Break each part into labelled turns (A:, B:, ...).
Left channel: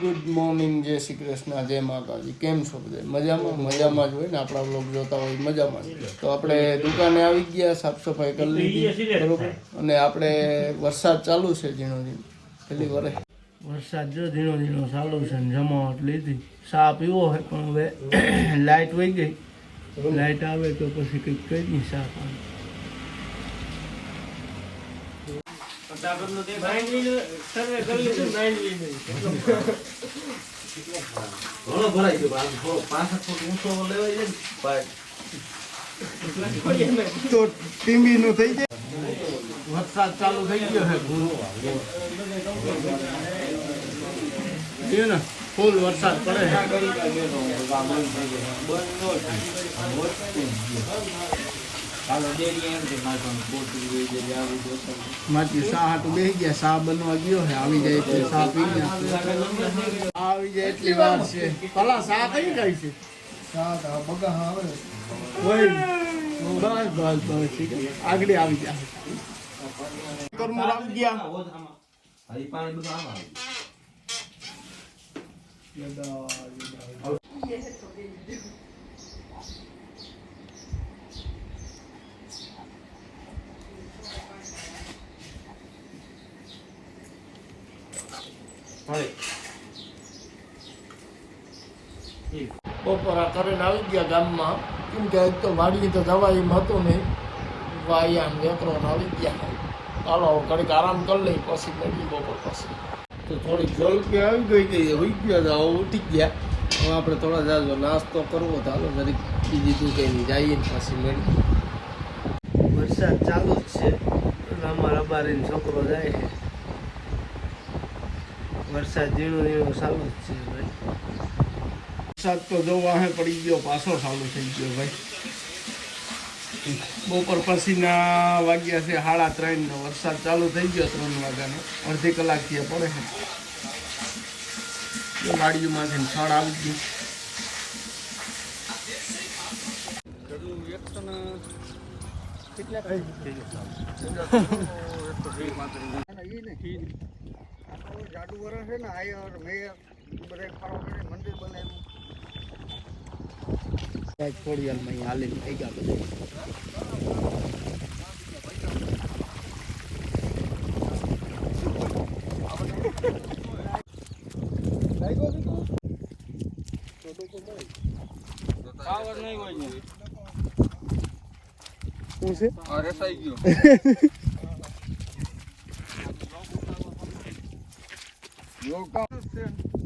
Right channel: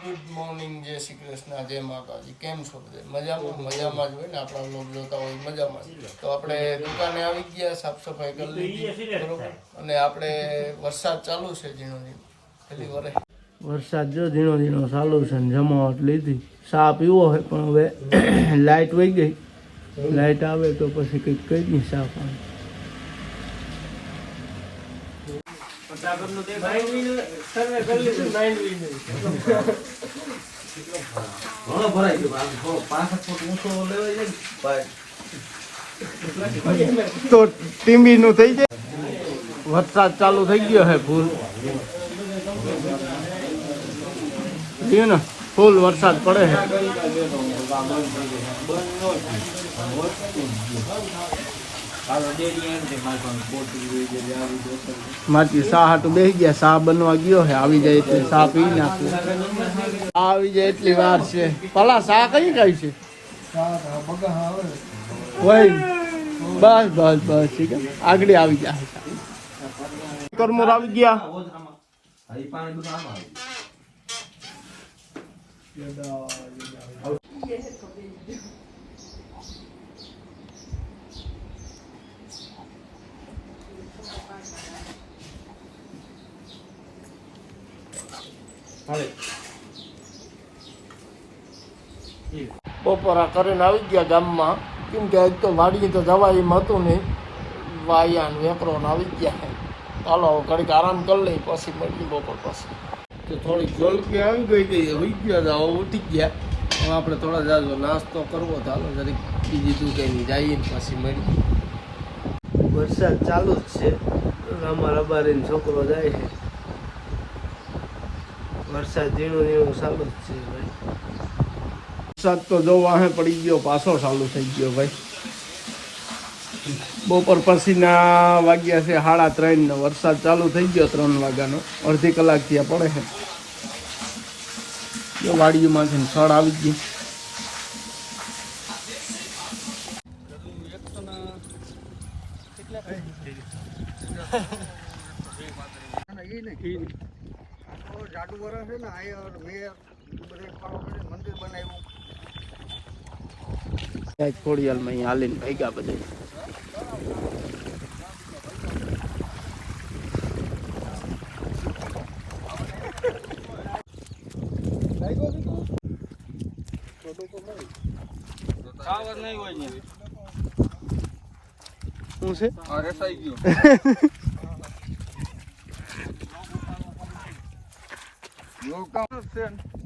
A: Good morning જય શ્રી કૃષ્ણ જય માતાજી. કેમ છો બધે? મજામાં? મજામાં જ હોય ને આપણા બ્લોગ જોતા હોય મજામાં જ. તો આપણે દુકાને આવી ગયા સાફ સફાઈ કરી લીધી. બરોબર? અને આપણે વરસાદ ચાલુ છે ઝીણો ઝીણો. પેલી વરે. વરસાદ જો ઝીણો ઝીણો ચાલુ છે ને જમાવટ લીધી. સા પીવો હોય પણ હવે લાઇટ વહી ગઈ. લાઇટ આવે તો પછી કંઈક કહી નહીં ચા પાણી
B: ઘણો ભરાઈ ગયો આમ થોડો પાંચ ફૂટ ઊંચો લેવાય છે ને પાઇપ.
A: તો ટીમી નું થઈ જાય. વરસાદ ચાલુ થઈ ગયો હે ભૂલ ને, ફૂલ વરસાદ પડે માથી સા હાટું બેસી ગયા સા બનવા ગયો હે આવી જાય એટલે સા પી નાખું. સા આવી જાય એટલી વાર છે. ભલા સા કઈ કઈ છે? બસ બસ બસ ઠીક આગળ આવી જાય કરમોર આવી ગયા.
B: પાણી
A: બપોરા કરીને આવી ગયા ગામમાં. કેમ કે એક તો વાડી તો જવાય એમ હતું નહીં. વાયા ને વેપરો ને આવી ગયા. ચાલો ઘડીક આરામ કરી લઈ પછી મળીએ બપોર પછી. તો થોડીક જલકી આવી ગઈ કે હોઈ ગયા તો હવે ઉઠી ગયા. હવે આપણે થોડા જાજો નાસ્તો કરવો ચાલો હાલો જરીક બીજી દુકાને જઈએ ને પછી મળીએ. વરસાદ ચાલુ જ છે. અમારા બારીનો છોકરો જાય છે. વરસાદ ઝીણું ઝીણું ચાલુ જ છે. ભાઈ વરસાદ તો જો વાહે પડી ગયો, પાછો ચાલુ થઈ ગયો ભાઈ. બપોર પછીના વાગ્યા છે સાડા ત્રણ ને વરસાદ ચાલુ થઈ ગયો ત્રણ વાગ્યાનો. અડધી કલાક ત્યાં પડે છે. વાડીઓમાંથી છળ આવી ગયું. ખોડિયાલમાં અહીંયા હાલીને ભાગ્યા બધા.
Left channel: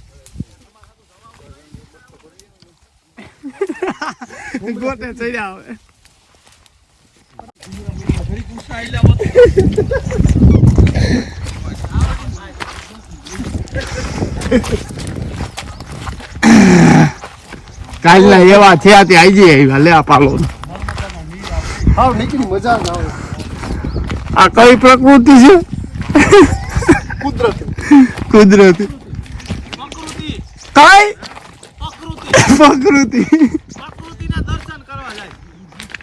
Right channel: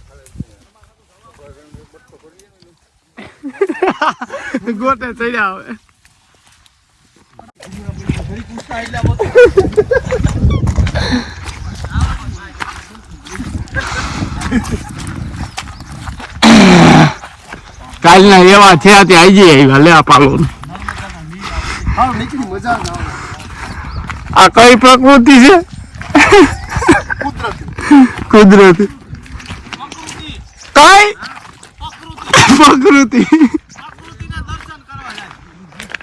A: ગોટે ચડ્યા હવે કાલના એવા થયા ત્યાં આવી આવ્યા લે આ પાલો
C: આવે
A: આ કઈ પ્રકૃતિ છે?
C: કુદરતી.
A: કઈ? પ્રકૃતિ.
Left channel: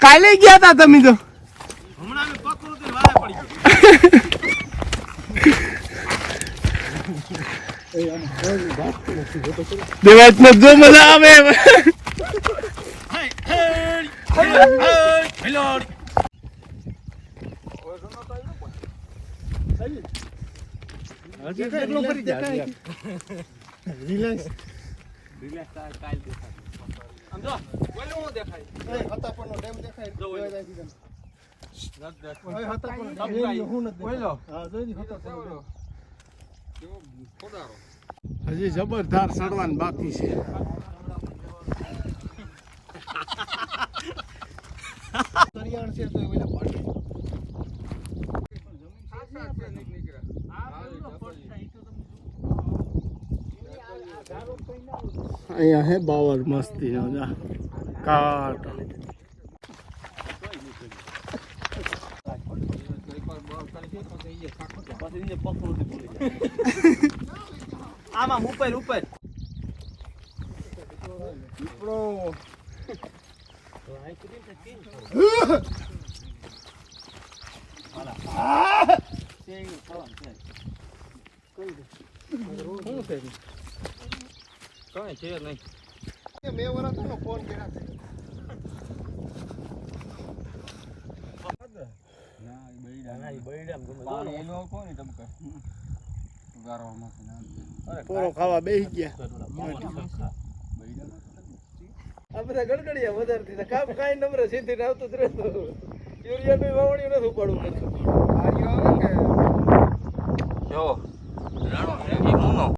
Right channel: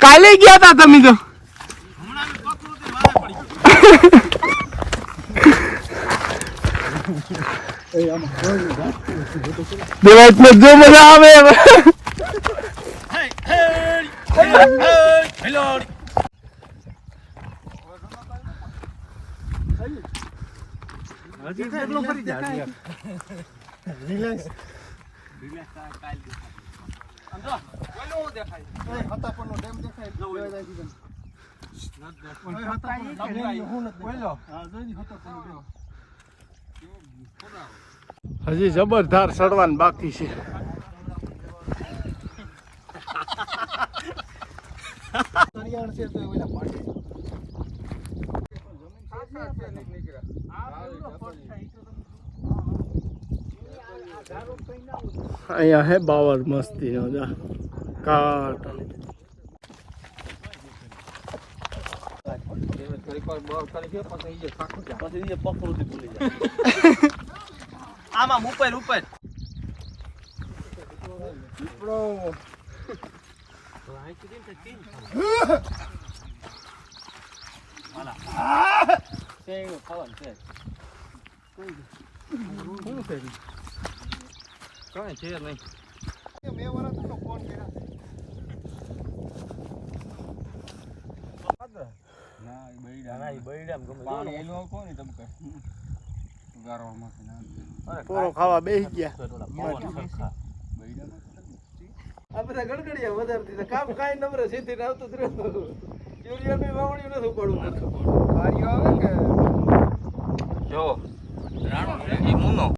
A: કાલે ગયા તા તમે તો. દેવાય ને જો મજા આવે.
C: હતાપણનો કાલ દેખાય. ઓય, હતાપણનો ડેમ. હું નથી દેખાય. હતાપણનો
A: હજી જબરદાર સડવાનું બાકી છે.
B: નીકળ્યા.
A: અહીંયા હે બાવર મસ્તી નો જા. કાટ.
C: આમાં ઉપર ઉપર.
B: બે વર્ષ થયો ફોન કર્યા છે.
A: પૂરો ખાવા બેસી ગયા.
C: આ બધા ગડગડિયા વધારે કામ કાંઈ નમરે સીધી આવતું જ રહેતું. યુરિયા બી વાવણી નથી ઉપાડવું
B: ગાડીઓ આવે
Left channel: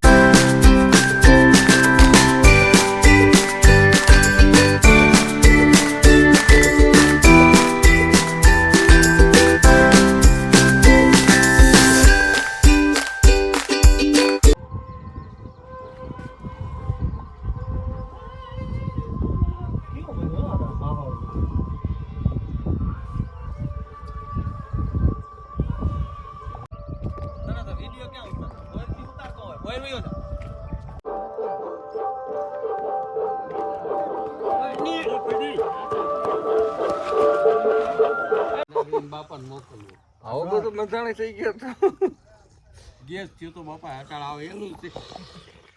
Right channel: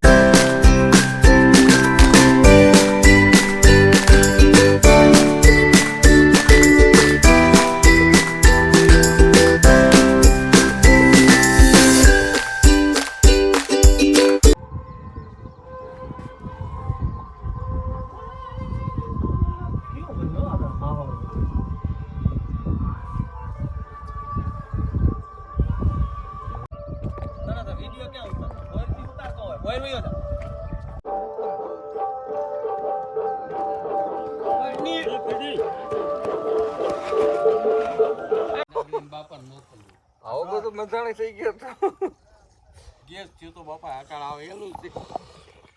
B: કે
C: આવો બધું મજાણી થઈ ગયો ગેસ થયો તો બાપા આકાળ આવે એનું છે.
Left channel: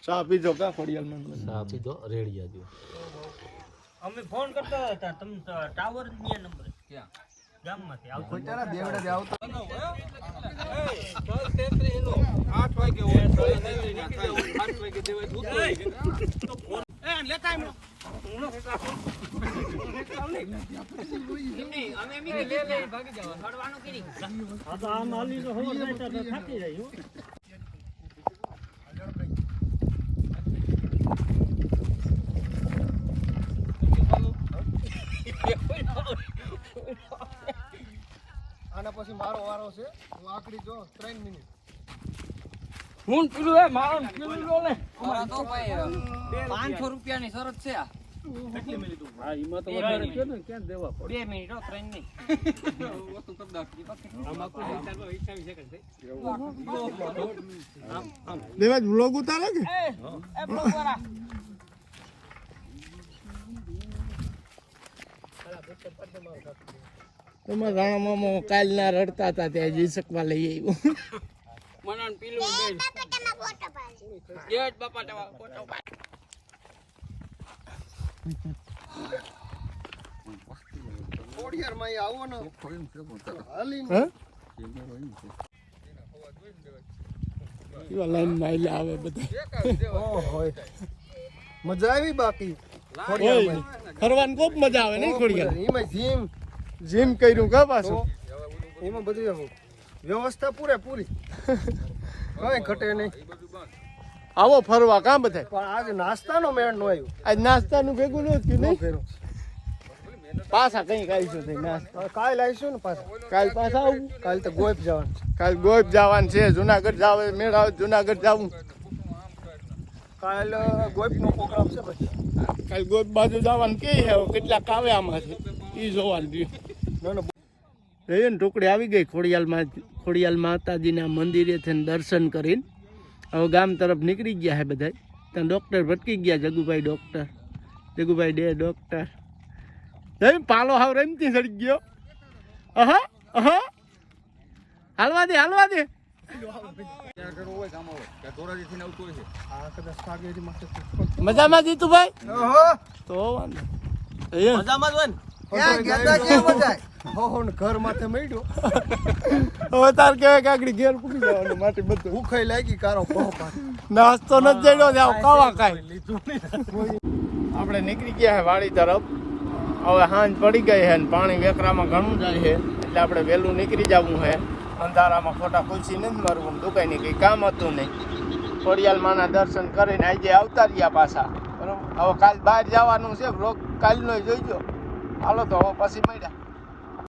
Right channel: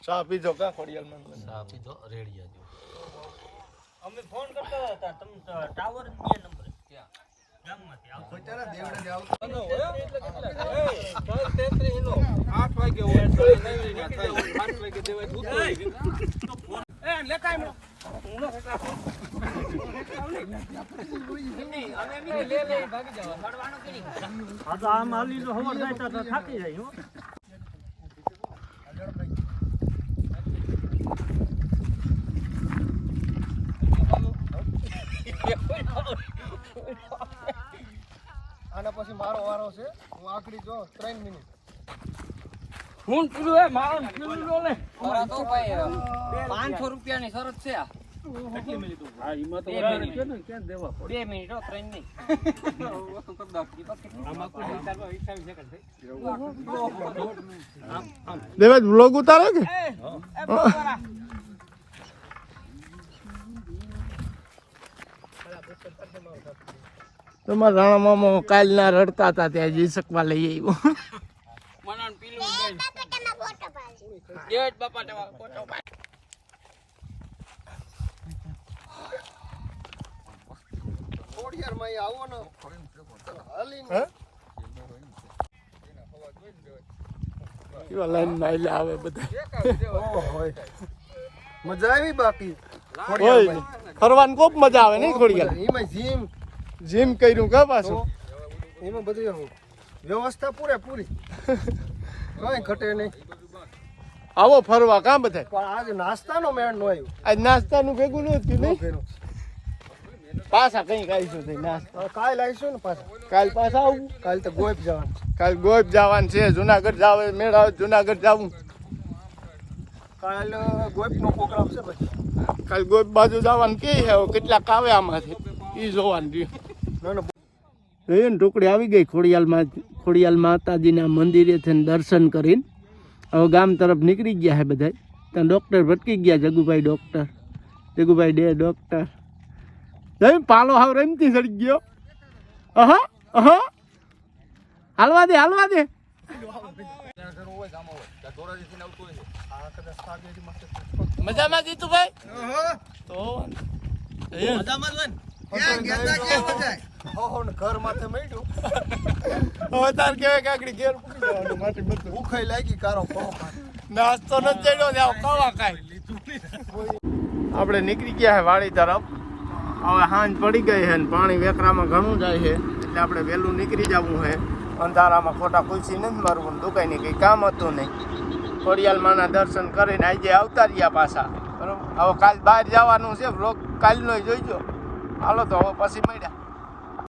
A: ચા પીજો કા ખોડિયાલ મન
D: આપી પીજો રેડિયા
E: અમે ફોન કરતા હતા તમને ટાવરની નંબર ક્યાં? ગામમાંથી આવતો
B: દેવડે આવતો.
C: આઠ વાગે હોય. આઠ વાગે દેવાય દૂધ એ લેકાય નો.
E: અમે એમ લે લે ભાગી જવા
B: આના પછી મારો વારો છે હું આકડી જો 3 મિનિટ
E: હું પૂરું હે મારો પીલું લો લે મારા તો ભાઈ 500 રૂપિયાની શરત છે આ બે મિનિટ બે મિનિટ હો ત્રણ નહીં
A: દેવાજ બ્લોગ ઉતારે કે તમારા રાણા મામા કાલ ના રડતા હતા ત્યાં જઈ શકવા લઈ આવ્યો.
E: મનન પીલું ગઈ જય બાપા તમારો ફોટો પાડી.
B: ખોડિયારમાં અહીં આવો ને. હાલીને
A: હે લાઈનમાં આવે બધા.
B: મજા આવી બાકી.
A: ફરવાની ખૂબ મજા આવે નહીં
B: થોડી જીમ.
A: જીમ કર્યું કા પાછું?
B: એમાં બધું વ્યવસ્થા પૂરેપૂરી કઈ ઘટે નહીં.
A: આવો ફરવા કા બધા?
B: પણ આજે નાસ્તાનો મેળ નો આવ્યો.
A: આજ નાસ્તાનું ભેગું નહોતું નહીં. પાછા કઈ કાઢીશું નાસ્તા.
B: કાલ આવીશું ને પાછા.
A: કાલ પાછા આવું?
B: કાલ તો ગોપ જવાનું
A: કાલ ગોપ જવાનું છે. જુનાગઢ જાવ મેળા આવે જુનાગઢ જાવું.
B: કાલ ગોપ નો પ્રોગ્રામ છે ભાઈ
A: કાલ ગોપ બાજુ જવાનું કે કેટલા આવે આમાંથી એ જોવાનું રહ્યું.
B: ના ના
A: એ ને ટુકડી આવી ગઈ ખોડિયાલમાં ખોડિયાલ માતાજીના મંદિરે થઈને દર્શન કરીને. હવે ગામ તરફ નીકળી ગયા છે બધા ત્યાં ડૉક્ટર ભટકી ગયા જગુભાઈ ડૉક્ટર જગુભાઈ ડે ડૉક્ટર પાલો હાવ રમતી ચડી ગયો. અહા અહા. હાલવા દે હાલવા દે. મજામાં જીતુભાઈ? તો
E: મજામાં જ હોય
B: ઘર માથે મળ્યો.
A: હવે તાર કહેવાય કે આગળ ઘેર પૂકી જવાનું માટે બધું.
B: ઉખાઈ લાગી કારો
A: નાસ્તો નથી જડ્યો ત્યાં કાવા કાંઈ આપણે નીકળી ગયા છે વાડી તરફ. હવે હાંજ પડી ગઈ છે પાણી વેકરામાં ઘણું જાય છે એટલે આપણે વહેલું નીકળી જવું છે અંધારામાં ખોટા ખુલસી નથી મારવું દુકાઈને કંઈ કામ હતું નહીં. ખોડિયાલમાના દર્શન કરીને આજે આવતા રહ્યા પાછા. બરોબર? હવે કાલ બહાર જવાનું છે બ્લોક કાલનો જોઈજો. હાલો તો પછી મળ્યા.